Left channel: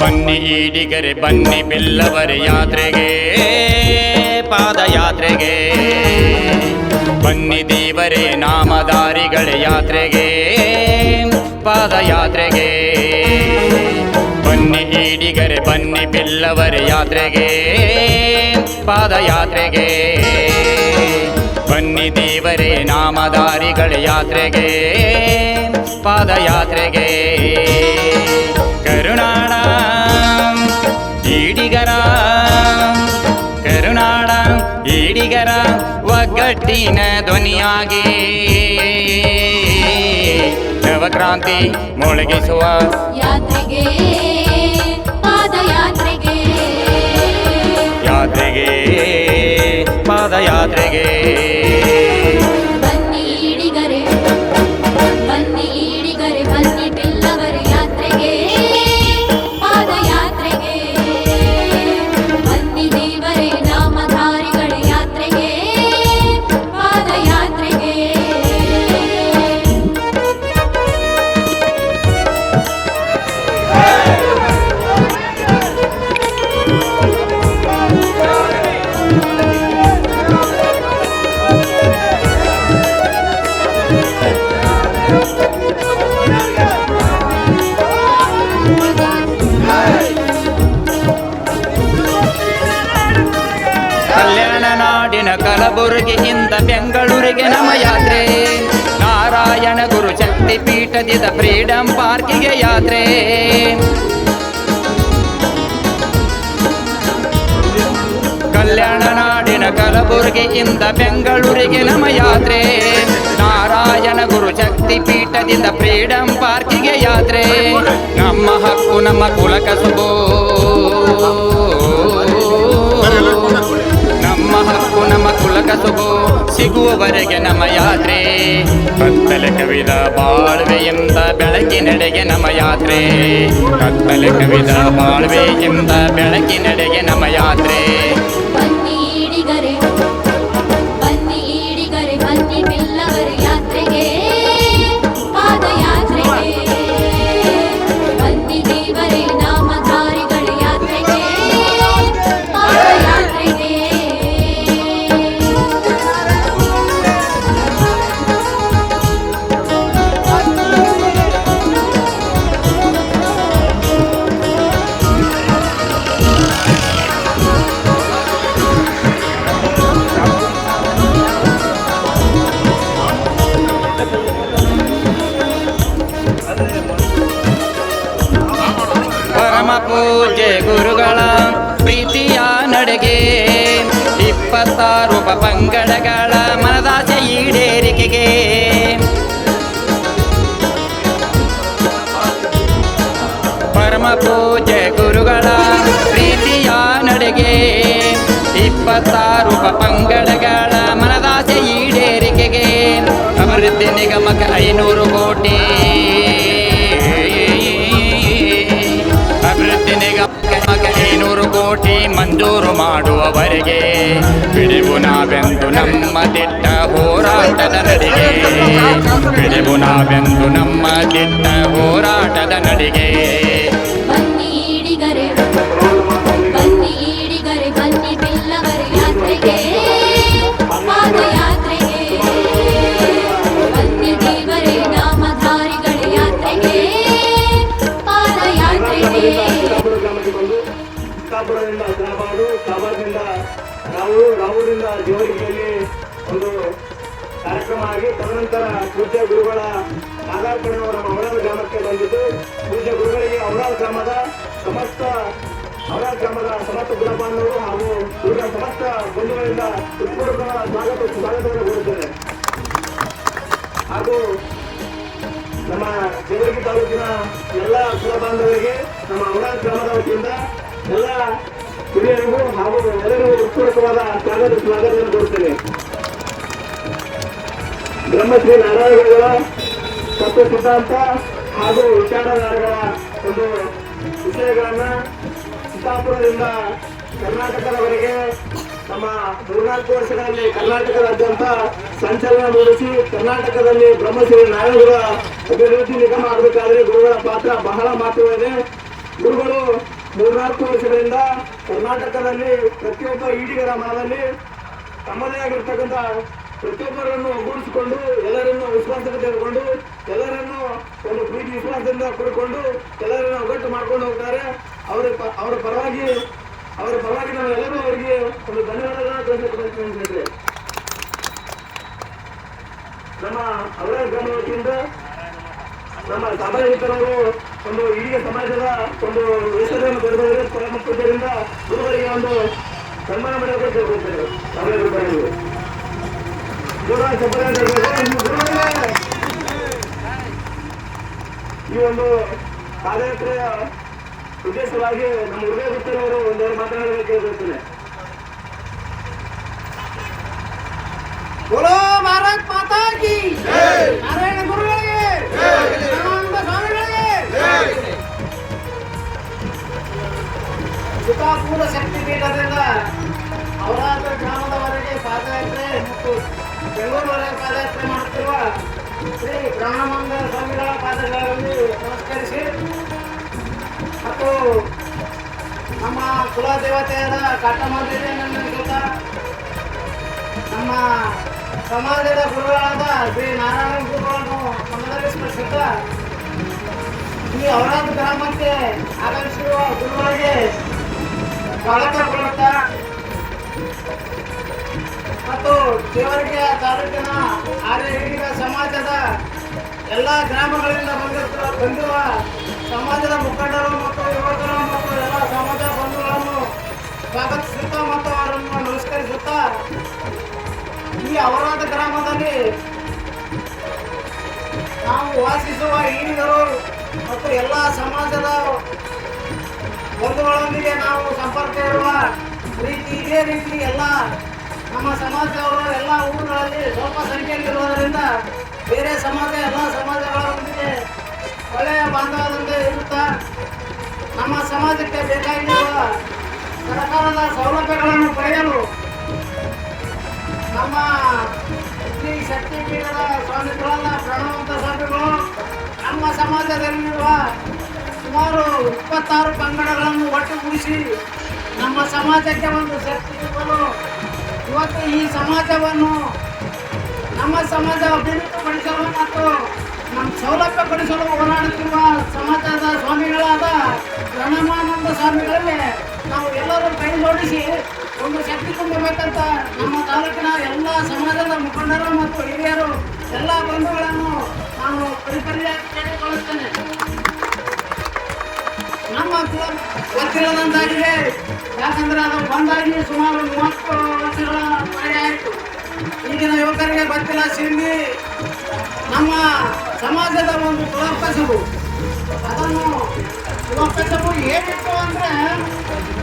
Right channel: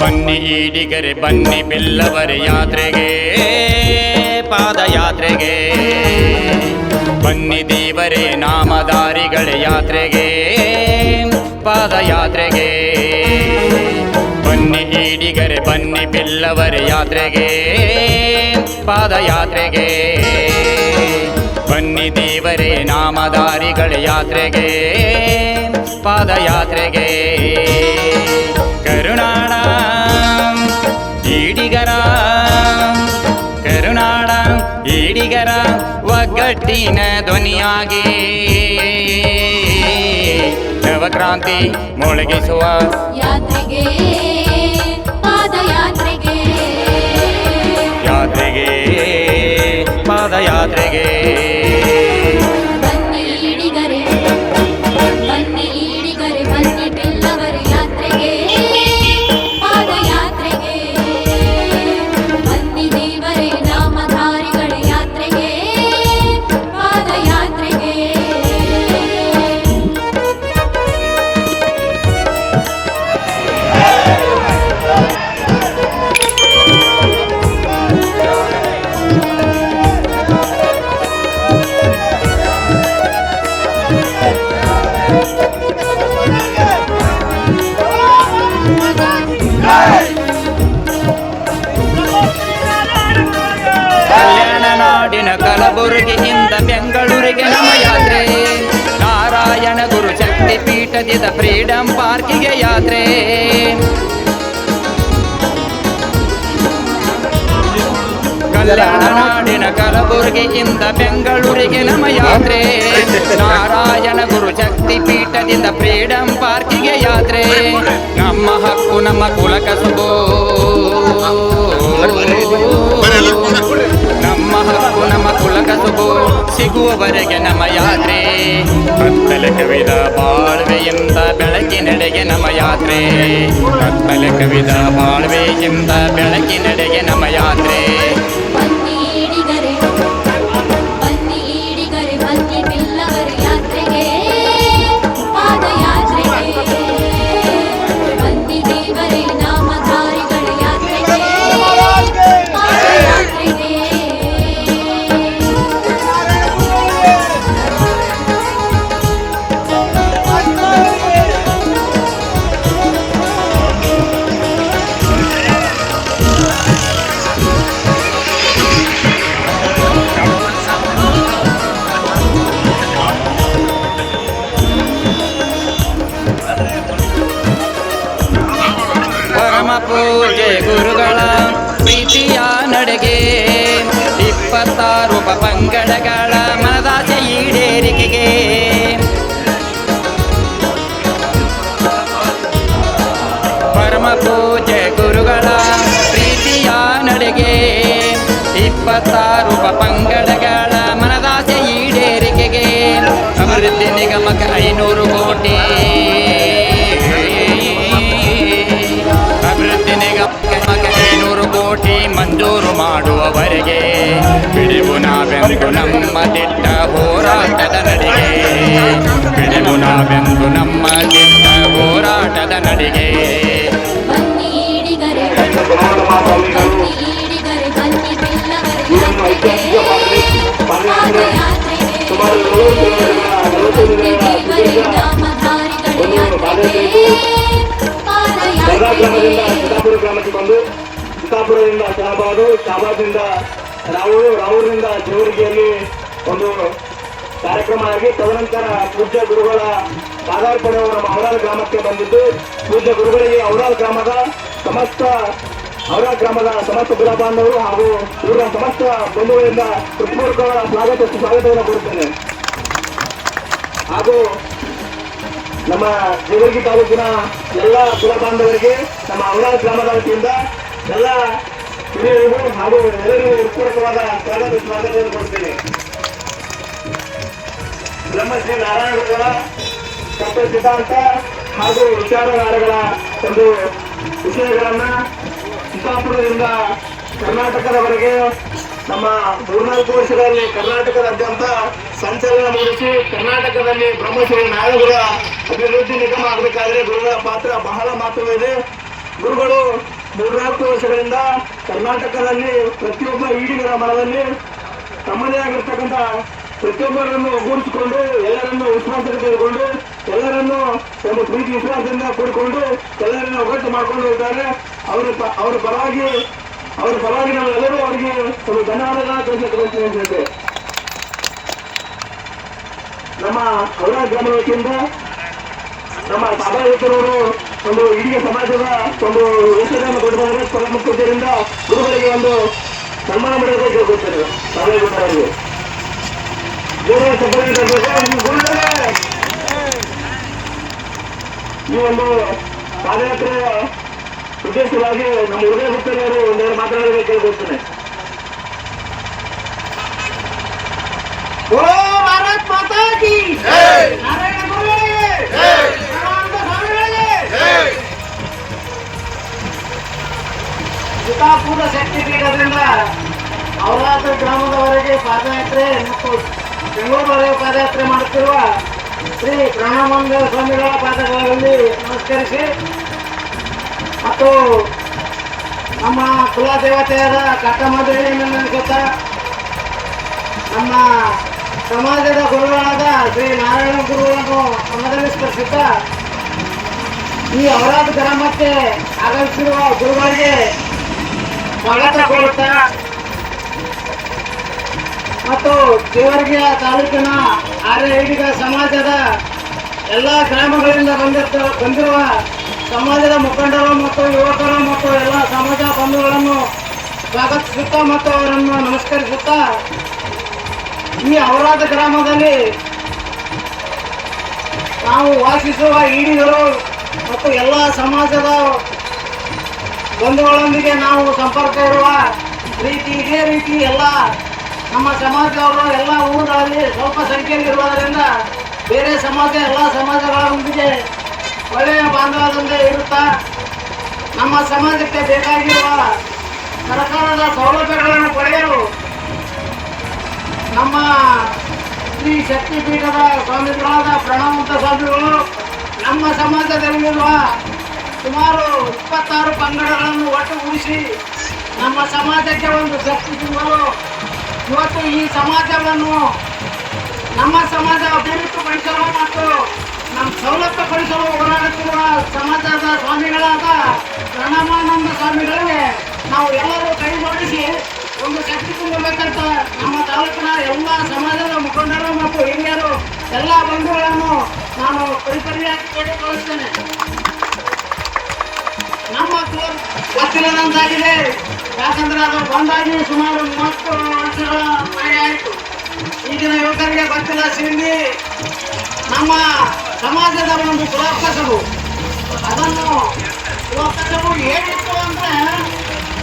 ಬನ್ನಿ ಈಡಿಗರೆ ಬನ್ನಿ ಬಿಲ್ಲವರ ಯಾತ್ರೆಗೆ ಪಾದಯಾತ್ರೆಗೆ, ಬನ್ನಿ ದೇವರೇ ನಾಮಧಾರಿಗಳ ಯಾತ್ರೆಗೆ ಪಾದಯಾತ್ರೆಗೆ. ಬನ್ನಿ ಈಡಿಗರೆ ಬನ್ನಿ ಬಿಲ್ಲವರ ಯಾತ್ರೆಗೆ ಪಾದಯಾತ್ರೆಗೆ, ಬನ್ನಿ ದೇವರೇ ನಾಮಧಾರಿಗಳ ಯಾತ್ರೆಗೆ ಪಾದಯಾತ್ರೆಗೆ. ಕರುನಾಡ ಈಡಿಗರ ಕರುನಾಡ ಈಡಿಗರ ಒಗ್ಗಟ್ಟಿನ ಧ್ವನಿಯಾಗಿ ನವಕ್ರಾಂತಿ ಮೊಳಗಿಸುವ ಯಾತ್ರೆಗೆ ಪಾದಯಾತ್ರೆಗೆ, ಯಾತ್ರೆಗೆ ಪಾದಯಾತ್ರೆಗೆ. ಬನ್ನಿ ಈಡಿಗರೆ ಬನ್ನಿ ಈಡಿಗರೆ ಬನ್ನಿ ಬಿಲ್ಲವರ ಯಾತ್ರೆಗೆ ಪಾದಯಾತ್ರೆಗೆ, ಬನ್ನಿ ದೇವರೇ ನಾಮಧಾರಿಗಳ ಯಾತ್ರೆಗೆ ಪಾದಯಾತ್ರೆಗೆ. ಕಲ್ಯಾಣ ನಾಡಿನ ಕಲಬುರಗಿಯಿಂದ ಬೆಂಗಳೂರಿಗೆ ನಮ್ಮ ಯಾತ್ರೆ, ನಾರಾಯಣ ಗುರು ಶಕ್ತಿ ಪೀಠದಿಂದ ಫ್ರೀಡಂ ಪಾರ್ಕಿಗೆ ಯಾತ್ರೆ. ಕಲ್ಯಾಣ ನಾಡಿನ ಕಲಬುರಗಿಯಿಂದ ಬೆಂಗಳೂರಿಗೆ ನಮ್ಮ ಯಾತ್ರೆ, ನಾರಾಯಣ ಗುರು ಶಕ್ತಿ ಪೀಠದಿಂದ ಫ್ರೀಡಂ ಪಾರ್ಕಿಗೆ ಯಾತ್ರೆ. ನಮ್ಮ ಹಕ್ಕು ನಮ್ಮ ಕುಲ ಕಸುಬು, ನಮ್ಮ ಹಕ್ಕು ನಮ್ಮ ಕುಲ ಕಸುಬು ಸಿಗುವವರೆಗೆ ನಮ್ಮ ಯಾತ್ರೆ. ಕತ್ತಲೆ ಕವಿದ ಬಾಳ್ವೆಯಿಂದ ಬೆಳಕಿನೆಡೆಗೆ ನಮ್ಮ ಯಾತ್ರೆ, ಕತ್ತಲೆ ಕವಿದ ಬಾಳ್ವೆಯಿಂದ ಬೆಳಕಿನೆಡೆಗೆ ನಮ್ಮ ಯಾತ್ರೆ. ಬನ್ನಿ ಈಡಿಗರೆ ಬನ್ನಿ ಈಡಿಗರೆ ಬನ್ನಿ ಬಿಲ್ಲವರ ಯಾತ್ರೆಗೆ ಪಾದಯಾತ್ರೆಗೆ, ಬನ್ನಿ ದೇವರೇ ನಾಮಧಾರಿಗಳ ಯಾತ್ರೆಗೆ ಪಾದಯಾತ್ರೆಗೆ. ಪರಮ ಪೂಜ್ಯ ಗುರುಗಳ ಪ್ರೀತಿಯ ನಡೆಗೆ 26 ಪಂಗಡಗಳ ಮನದಾಸೆ ಈಡೇರಿಕೆಗೆ, ಪರಮ ಪೂಜ್ಯ ಗುರುಗಳ ಪ್ರೀತಿಯ ನಡೆಗೆ 26 ಪಂಗಡಗಳ ಮನದಾಸೆ ಈಡೇರಿಕೆಗೆ, ಅಭಿವೃದ್ಧಿ ನಿಗಮಕ್ಕೆ 500 ಕೋಟಿ, ಅಭಿವೃದ್ಧಿ ನಿಗಮಕ್ಕೆ 500 ಕೋಟಿ ಮಂಜೂರು ಮಾಡುವವರೆಗೆ ಬಿಡುವು ನಾವೆಂದು ನಮ್ಮ ದಿಟ್ಟ ಹೋರಾಟದ ನಡಿಗೆ, ಬಿಡುವು ನಾವೆಂದು ನಮ್ಮ ದಿಟ್ಟ ಹೋರಾಟದ ನಡಿಗೆ. ಬನ್ನಿ ಈಡಿಗರೆ ಬನ್ನಿ ಈಡಿಗರೆ ಬನ್ನಿ ಬಿಲ್ಲವರ ಯಾತ್ರೆಗೆ ಪಾದಯಾತ್ರೆಗೆ, ಬನ್ನಿ ದೇವರೇ ನಾಮಧಾರಿಗಳ ಯಾತ್ರೆಗೆ ಪಾದಯಾತ್ರೆಗೆ. ಚಿತ್ತಾಪುರದಿಂದ ಶಾಬಾದಿಂದ ರಾಮೂರಿನಿಂದ ಜೇವರಿಗೆಯಲ್ಲಿ ಒಂದು ಕಾರ್ಯಕ್ರಮ ಆಗಿ ತದನಂತರ ಪೂಜ್ಯ ಗುರುಗಳ ಪಾದಾರ್ಪಣೆ ನಮ್ಮ ಔರಾದ ಗ್ರಾಮಕ್ಕೆ ಬಂದಿದ್ದು, ಪೂಜ್ಯ ಗುರುಗಳಿಗೆ ಔರಾದ ಗ್ರಾಮದ ಸಮಸ್ತ ಕುಲ ಬಾಂಧವರು ಹಾಗೂ ಇವರ ಸಮಸ್ತ ಬಂಧುಗಳಿಂದ ಹೃತ್ಪೂರ್ವಕ ಸ್ವಾಗತವನ್ನು ಕೋರುತ್ತೇನೆ. ಹಾಗೂ ನಮ್ಮ ಜೇವರ್ಗಿ ತಾಲೂಕಿನ ಎಲ್ಲ ಕುಲ ಬಾಂಧವರಿಗೆ ನಮ್ಮ ಔರಾದ ಗ್ರಾಮದ ವತಿಯಿಂದ ಎಲ್ಲ ಹಿರಿಯರಿಗೂ ಹಾಗೂ ಎಲ್ಲರಿಗೂ ಉತ್ಪೂರ್ವಕವಾದ ಸ್ವಾಗತವನ್ನು ಕೊಡ್ತೇನೆ. ಬ್ರಹ್ಮಶ್ರೀ ನಾರಾಯಣಗಳ ತತ್ವ ಸಿದ್ಧಾಂತ ಹಾಗೂ ವಿಚಾರಧಾರೆಗಳ ಒಂದು ವಿಷಯಗಳನ್ನ ಚಿತ್ತಾಪುರದಿಂದ ಕರ್ನಾಟಕದವರೆಗೆ ನಮ್ಮ 4 ವರ್ಷಗಳಲ್ಲಿ ಕರ್ನಾಟಕದಾದ್ಯಂತ ಸಂಚಲನ ಮೂಡಿಸಿ ಕರ್ನಾಟಕದಲ್ಲಿ ಬ್ರಹ್ಮಶ್ರೀ ನಾರಾಯಣಗಳ ಅಭಿವೃದ್ಧಿ ನಿಗಮ ಆಗಬೇಕಾದ್ರೆ ಗುರುಗಳ ಪಾತ್ರ ಬಹಳ ಮಹತ್ವವಿದೆ. ಗುರುಗಳು 4 ವರ್ಷಗಳಿಂದ ಕರ್ನಾಟಕದಲ್ಲಿ ಪ್ರತಿಯೊಬ್ಬ ಈಡಿಗರ ಮನದಲ್ಲಿ ತಮ್ಮದೇ ಆಗಿರ್ತಕ್ಕಂಥ ಪ್ರತಿಯೊಬ್ಬರನ್ನು ಒಗ್ಗೂಡಿಸಿಕೊಂಡು ಎಲ್ಲರನ್ನು ವಿಶ್ವಾಸಕ್ಕೆ ತೆಗೆದುಕೊಂಡು ಎಲ್ಲರನ್ನು ಒಂದು ಪ್ರೀತಿ ವಿಶ್ವಾಸದಿಂದ ಕೂಡಿಕೊಂಡು ಎಲ್ಲರನ್ನು ಒಗ್ಗಟ್ಟು ಮಾಡಿಕೊಂಡು ಇದ್ದಾರೆ. ಅವರ ಪರವಾಗಿ ನಾವೆಲ್ಲರೂ ಅವರಿಗೆ ಒಂದು ಧನ್ಯವಾದಗಳನ್ನು ತಿಳಿಸಿಕೊಳ್ಳುತ್ತೇವೆ. ನಮ್ಮ ಅವರ ಗ್ರಾಮ ವತಿಯಿಂದ ನಮ್ಮ ಸಭಾಧಿಕರವರು ಒಂದು ಇಡೀ ಸಮಾಜದ ಒಂದು ವಯಸ್ಸನ್ನು ಕೊಡುತ್ತಾರೆ. ಪ್ರಮುಖತೆಯಿಂದ ಗುರುಗಳಿಗೆ ಒಂದು ಸನ್ಮಾನ ಮಾಡಬೇಕು ಗೊತ್ತಿಲ್ಲ ಸಭಾಧಿಕರವರು ಈ ಒಂದು ಪಾದಯಾತ್ರೆಯ ಉದ್ದೇಶವಾಗಿ ನಮ್ಮ ಹೃದಯ ಭಕ್ತರವರು ಒಂದೆರಡು ಮಾತನಾಡಬೇಕು ಕೇಳ್ಕೊಳ್ತೇನೆ. बोलो भारत माता की जय, नारायण गुरुಗಳಿಗೆ ಜೈ, ಆನಂದ ಸ್ವಾಮಿಗಳಿಗೆ ಜೈ. ಚಿತ್ತಾಪುರ ಸರ್ಟಿಫಿಕೇಟ್ರಿಂದ ಅವರಾದ ಗ್ರಾಮದವರೆಗೆ ಪಾದಯಾತ್ರೆ ಮತ್ತು ಬೆಂಗಳೂರವರೆಗೆ ಪಾದಯಾತ್ರೆ ಮಾಡುತ್ತಿರುವ ಶ್ರೀ ಪ್ರಣಾಮಂಗ ಸ್ವಾಮಿಗಳ ಪಾದಗಳಲ್ಲಿ ನಮಸ್ಕರಿಸಿ ಮತ್ತು ನಮ್ಮ ಕುಲದೇವತೆಯಾದ ಕಾಟಮಾದೇವಿಯನ್ನು ನೆನೆಸುತ್ತಾ ನಮ್ಮ ಸಮಾಜದ ಗುರುಗಳಾದ ಶ್ರೀ ನಾರಾಯಣ ಗುರುಗಳನ್ನು ನಮ್ಮದಲ್ಲಿ ಸ್ಮರಿಸುತ್ತಾ ಈ ಅವರಾದ ಗ್ರಾಮಕ್ಕೆ ಆಗಮಿಸಿರುವ ಗುರುಗಳಿಗೆ ಸ್ವಾಗತ ಕೊಡುತ್ತಾ ಮತ್ತು ದೇವರ್ಗಿಯ ತಾಲೂಕಿನ ಆರ್ಯ ಸಮಾಜದ ಎಲ್ಲ ಗ್ರಾಮಗಳಿಂದ ಬಂದಿರುವ ಸಮಾಜದ ಮುಖಂಡರು ಮತ್ತು ಯುವಕರು ಮತ್ತು ಎಲ್ಲ ಸಮಾಜ ಬಂಧುಗಳನ್ನು ಸ್ವಾಗತಿಸುತ್ತಾ ಮತ್ತು ಅವರನ್ನು ನಮಸ್ಕರಿಸುತ್ತಾ ಈ ಅವರಾದ ಗ್ರಾಮದಲ್ಲಿ ನಾವು ವಾಸಿಸುವ ಈಡಿಗರು ಮತ್ತು ಎಲ್ಲ ಸಮಾಜದ ಬಂಧುಗಳೊಂದಿಗೆ ನಾವು ಸಂಪರ್ಕ ಇರುವ ರೀತಿ ಇದೇ ರೀತಿ ಎಲ್ಲ ನಮ್ಮ ಸಮಾಜದವರು ಎಲ್ಲ ಊರುಗಳಲ್ಲಿ ಸ್ವಲ್ಪ ಸಂಖ್ಯೆಯಲ್ಲಿ ಇರುವುದರಿಂದ ಬೇರೆ ಸಮಾಜ ಎಲ್ಲ ಸಮಾಜಗಳೊಂದಿಗೆ ಒಳ್ಳೆಯ ಬಾಂಧವ್ಯದಿಂದ ಇರುತ್ತಾ ನಮ್ಮ ಸಮಾಜಕ್ಕೆ ಬೇಕಾಗಿರುವ ಸರ್ಕಾರದ ಸೌಲಭ್ಯಗಳನ್ನು ಪಡೆಯಲು ನಮ್ಮ ಶ್ರೀ ಶಕ್ತಿಪೀಠದ ಸ್ವಾಮಿಗಳಾದ ಪ್ರಣವಂತ ಸ್ವಾಮಿಗಳು ನಮ್ಮ ಸಮಾಜದಲ್ಲಿರುವ ಸುಮಾರು 26 ಪಂಗಡಗಳನ್ನು ಒಟ್ಟುಗೂಡಿಸಿ ನಮ್ಮ ಸಮಾಜಕ್ಕೆ ಒಂದು ಶಕ್ತಿ ತುಂಬಲು ಇವತ್ತು ಈ ಸಮಾಜವನ್ನು ನಮ್ಮ ಸಮಾಜ ಅಭಿವೃದ್ಧಿಪಡಿಸಲು ಮತ್ತು ನಮ್ಮ ಸೌಲಭ್ಯಪಡಿಸಲು ಹೋರಾಡುತ್ತಿರುವ ಸಮಾಜದ ಸ್ವಾಮಿಗಳಾದ ಪ್ರಣವಾನಂದ ಸ್ವಾಮಿಗಳಿಗೆ ನಾವು ಎಲ್ಲರೂ ಕೈ ಜೋಡಿಸಿ ಒಂದು ಶಕ್ತಿ ತುಂಬಬೇಕಂತ ನಮ್ಮ ತಾಲೂಕಿನ ಎಲ್ಲ ಸಮಾಜದ ಮುಖಂಡರು ಮತ್ತು ಹಿರಿಯರು ಎಲ್ಲ ಬಂಧುಗಳನ್ನು ನಾವು ಪರಿಪರಿಯಾಗಿ ಕೇಳಿಕೊಳ್ಳುತ್ತೇನೆ. ನಮ್ಮ ಗೊತ್ತಿರೋದಂತಾಗಿದೆ. ಯಾಕಂದ್ರೆ ಅದು ಬಂದಾಗಿ ಸುಮಾರು 30 ವರ್ಷಗಳ ಆಯಿತು. ಈಗಿನ ಯುವಕರಿಗೆ ಗೊತ್ತಿಲ್ಲ ಸಿಂಧಿ ನಮ್ಮ ಸಮಾಜದ ಒಂದು ಕುಲಕಸಬು. ಅದನ್ನು ಕುಲಕಸಬು ಹೇಗಿತ್ತು ಅಂದ್ರೆ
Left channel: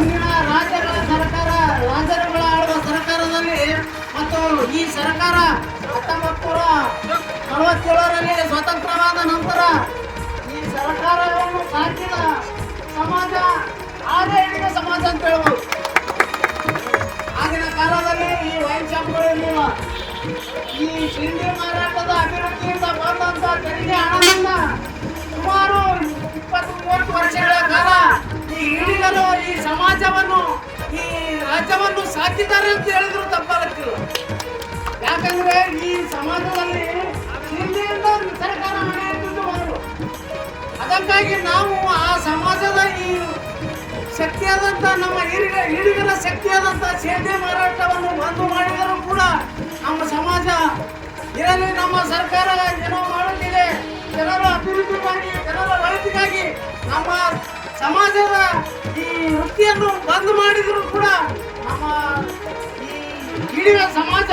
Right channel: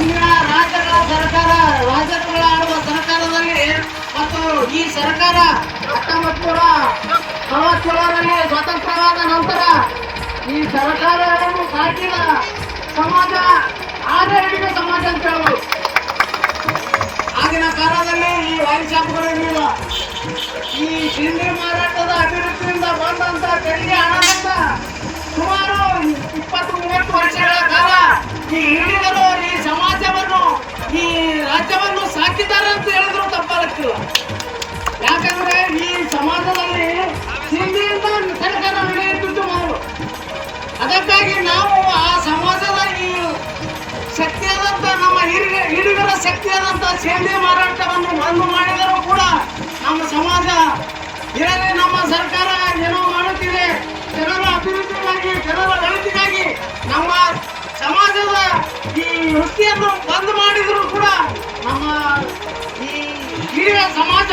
ಇಂದಿನ ರಾಜ್ಯಗಳ ಸರ್ಕಾರ ರಾಜ್ಯಗಳ ಆಳುವ ಸರ್ಕಾರದಲ್ಲಿ ಮತ್ತು ಈ ಸರ್ಕಾರ 1947ರಲ್ಲಿ ಸ್ವತಂತ್ರವಾದ ನಂತರ ಈ ಸರ್ಕಾರವನ್ನು ಸಾಕಿದ ಸಮಾಜ ಆಡಳಿತ ಸಮಾಜ ಅಂತ ಹೇಳ್ಬೋದು. ಆಗಿನ ಕಾಲದಲ್ಲಿ ಈ ವೈನ್ ಶಾಪ್ಗಳಿರಲಿಲ್ಲ. ಈ ತಿಂಡಿ ಮಾರಾಟದ ಅಭಿವೃದ್ಧಿಯಿಂದ ಬಂದಂತ ತೆರಿಗೆ ಹಣದಿಂದ ಸುಮಾರು 20-30 ವರ್ಷಗಳ ಕಾಲ ಈ ಹಿಡಿಗರು ಈ ಸಮಾಜವನ್ನು ಈ ರಾಜ್ಯವನ್ನು ಸಾಕಿದ್ದಾರೆ ಅಂತ ಹೇಳಿದ್ರು ತಪ್ಪಾಗುತ್ತಿಲ್ಲ. ಯಾಕಂದ್ರೆ ಈ ಸಮಾಜದಲ್ಲಿ ಹಿಂದಿಯಿಂದ ಸರ್ಕಾರ ನಡೆಯುತ್ತಿದ್ದು ನಾವು. ಅದಕ್ಕಾಗಿ ನಾವು ಆ ಸಮಾಜದ ಈ ಶಕ್ತಿಯಾದಂಥ ನಮ್ಮ ಹಿಡಿಗರ ಶಕ್ತಿಯಾದಂಥ ಸಿಂಧಿ ಮಾರಾಟವನ್ನು ಬಂದ್ ಮಾಡಿದರೂ ಕೂಡ ನಮ್ಮ ಸಮಾಜ ಇರಲಿ, ನಮ್ಮ ಸರ್ಕಾರ ಏನೋ ಮಾಡುತ್ತಿದೆ ಜನರ ಅಭಿವೃದ್ಧಿಗಾಗಿ ಜನರ ಒಳಿತಿಗಾಗಿ ನಮ್ಮ ಸಮಾಜದ ಈ ವೃತ್ತಿಯನ್ನು ಬಂದ್ ಮಾಡಿದರೂ ಕೂಡ ನಮ್ಮ ಈ ಹಿಡಿಯ ಸಮಾಜ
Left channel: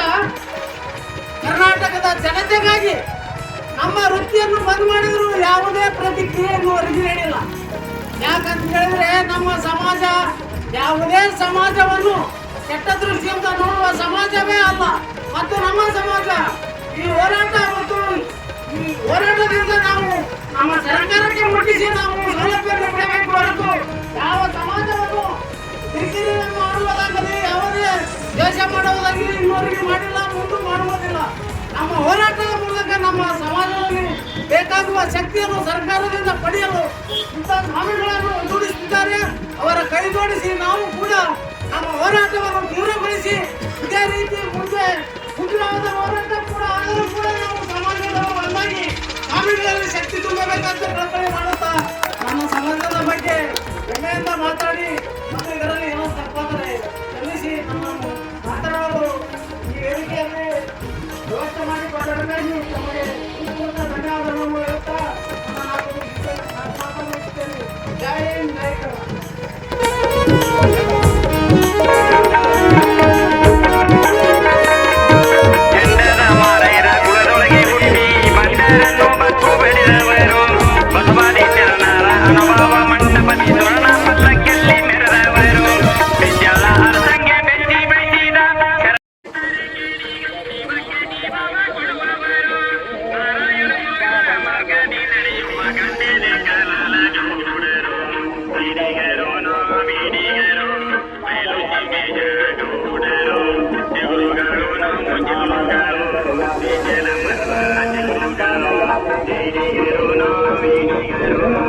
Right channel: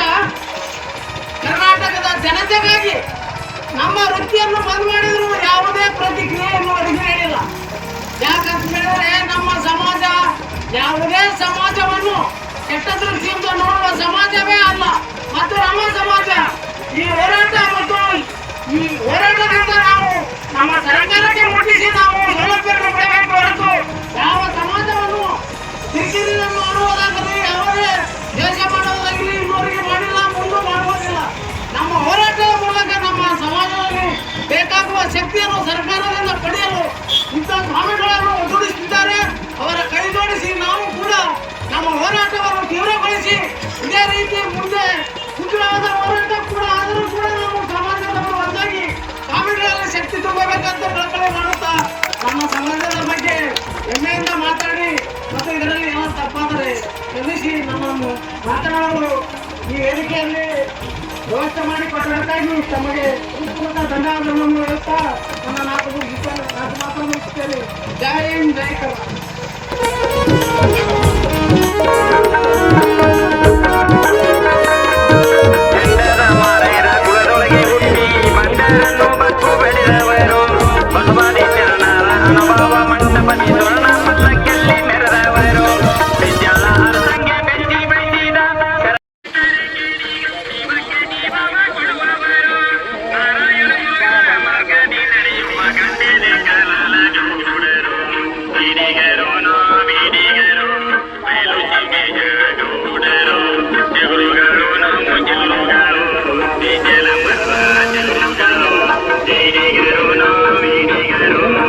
ಕರ್ನಾಟಕದ ಜನತೆಗಾಗಿ ನಮ್ಮ ವೃತ್ತಿಯನ್ನು ಬಂದ್ ಮಾಡಿದ್ರು ಯಾವುದೇ ಪ್ರತಿಕ್ರಿಯೆಯನ್ನು ಅವರಿಗೆ ನೀಡಿಲ್ಲ. ಯಾಕಂತ ಹೇಳಿದ್ರೆ ನಮ್ಮ ಸಮಾಜ ಯಾವುದೇ ಸಮಾಜವನ್ನು ಕೆಟ್ಟ ದೃಷ್ಟಿಯಿಂದ ನೋಡುವ ಸಮಾಜವೇ ಅಲ್ಲ. ಮತ್ತು ನಮ್ಮ ಸಮಾಜ ಈ ಹೋರಾಟ ಮತ್ತು ಈ ಹೋರಾಟದಿಂದ ನಾವು ನಮ್ಮ ಸರ್ಕಾರಕ್ಕೆ ಮುಟ್ಟಿಸಿ ನಾವು ಸೌಲಭ್ಯವನ್ನು ಪಡೆಯಬೇಕು ಹೊರತು ಯಾವ ಸಮಾಜವನ್ನು ದಿಕ್ಕಿನಿಂದ ಮಾಡುವುದಾಗಲಿ ಯಾವುದೇ ದೇಶ ಮಾಡುವುದಾಗಲಿ ಇನ್ನೊರಿಗೆ ಮಾಡಿಲ್ಲ, ಮುಂದೆ ಮಾಡುವುದಿಲ್ಲ. ನಮ್ಮ ಹೋರಾಟದ ಮೂಲಕ ನಮ್ಮ ಸಮಾಜದಲ್ಲಿ ಬೇಕಾಗುವ ಶಕ್ತಿಯನ್ನು ಸರ್ಕಾರದಿಂದ ಪಡೆಯಲು ಇಂಥ ಸ್ವಾಮಿಗಳನ್ನು ಒಗ್ಗೂಡಿಸುತ್ತಿದ್ದಾರೆ. ಅವರ ಕೈ ಜೋಡಿಸಿ ನಾವು ಕೂಡ ನಮ್ಮ ಹೋರಾಟವನ್ನು ತೀವ್ರಗೊಳಿಸಿ ಇದೇ ರೀತಿ ಮುಂದೆ ಉಗ್ರವಾದ ಹೋರಾಟ ಕೂಡ ಆದರೂ ಕೂಡ ನಾವು ಸಮಾಜವನ್ನು ಅಲ್ಲಾಗಿ ಸ್ವಾಮಿಗಳಲ್ಲಿ ಶಕ್ತಿ ತುಂಬಬೇಕಂತ ಪ್ರಕಟಣೆ ಮಾಡುತ್ತಾ ನಮ್ಮ ಸಮಾಜದ ಬಗ್ಗೆ ಹೆಮ್ಮೆಯಿಂದ ಮಾತಾಡಿ